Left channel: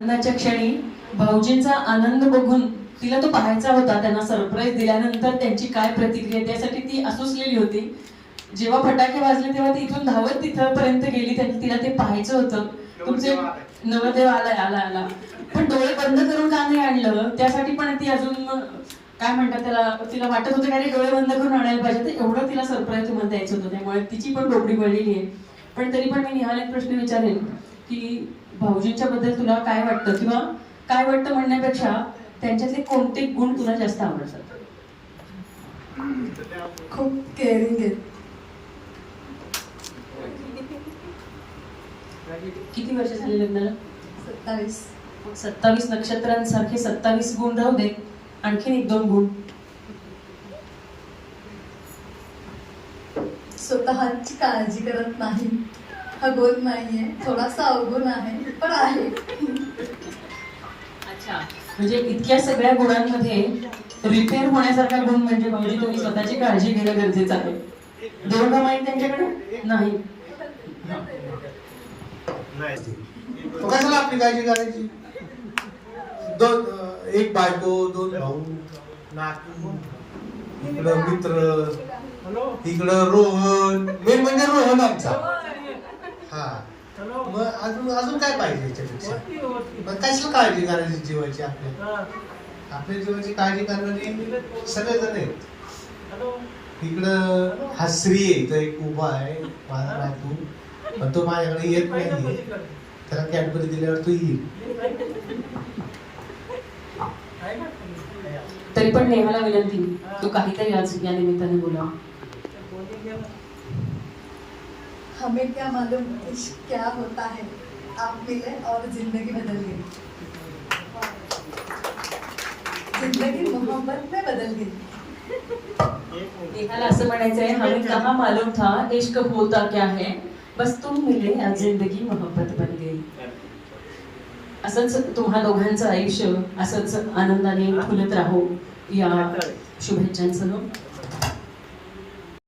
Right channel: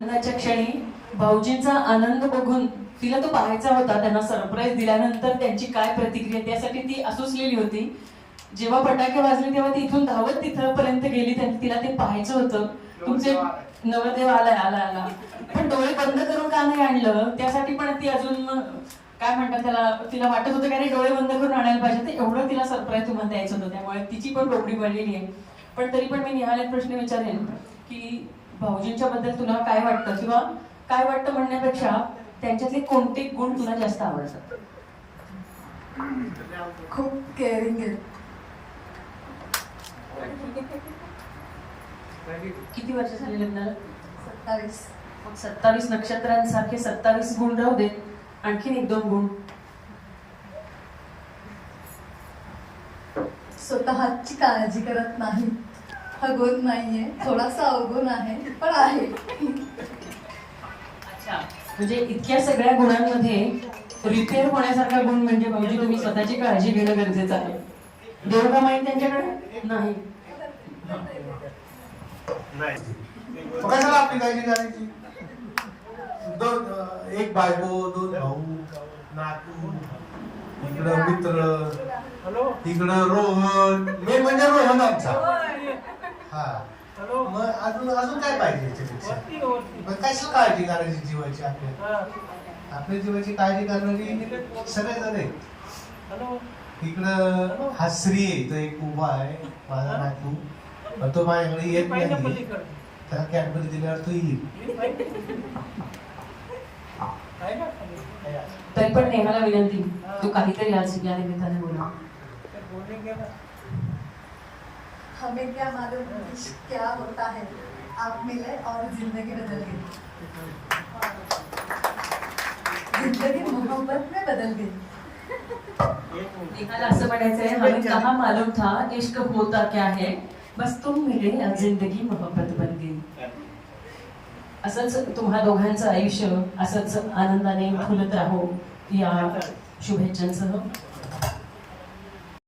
लग्नाच्या क्षणी भाऊजींचा आनंद बघून तिला तो पाहायचा होता. त्यांना सरप्राईज दिल्यानंतर त्यांची काय प्रतिक्रिया, त्यासाठी ती असुसलेली होती. जेव्हा फटाके वाजले तेव्हा ती इथून धावत तिथपर्यंत गेली. तिला ते पाहायचं होतं. तुमचे नवरदेव आला आला पण डोळे बंद करून का नाही आणलं, त्यासाठी पण ती अजून काय म्हणतात त्याला, तिला वाटत होतं की डोळे बंद करून आणायला पाहिजे. तर एवढं तिला सरप्राईज तुम्हाला द्यायचं होतं, त्यामुळे तिची पण डोकडी वळलेली आहे. पण तरी पण मी निहाल एक प्रश्न विचारेन की भाऊजींच्या बद्दल तुला काय वाटतं, किंवा काय वाटतं म्हणण्यापेक्षा त्यांच्यातले कोणते गुण तुला जास्त आवडतात? खूप केअरिंग आहे. किती वर्ष झाले लग्नाला? 27. मग 27 नक्षत्रांसारखे 27 गुण राहू दे, आणखीन 1-2 गुण. स्वतःची काळजी करत नाही. हा गुण नाहीये, थोडासा अवगुण आहे, पण आहे. अच्छा, म्हणजे इतक्या सगळ्या गुणांमध्ये रिपेअर होण्यासारखा गुण म्हणजे भाऊजी तुम्ही स्वतःची काळजी घेणं गरजेचं आहे. देऊ का माहिती त्यांच्याकडे? नाही. कशाला आपली काळजी करायची? एक बायको, 2 भाऊ, नातू, इकडं मित्र, इकडं रोहन. मी म्हणजे रोहन आमचा. हा, मग अजून काय पाहिजे याच्यापेक्षा? मग कशाला काळजी करायची जीवाची? आपल्या जीवाची काळजी करणारी सगळे जण आहेत. इकडं हा श्री आहे, तो एक उभा आहे माझा नातू, पण तो माझ्याकडे येत नाही. त्याला कॅडबरी दिल्यावर तो येईल. तरी पण नेहाला विनंती, तू काहीतरी आज या निमित्ताने बोला. हमें क्या मालूम इश्क क्या होता है, आप मिले और जिंदगी बदल गई. जिंदगी मोहब्बत में बदल गई. नेहाला असं म्हणायचं आहे, हमें कहा मालूम था इश्क होता क्या है, बस तुम मिले और जिंदगी मोहब्बत बन गई. असंच तुम्हा दोघांचं आयुष्य असंच आनंदाने फुलत राहो या शुभेच्छांसह.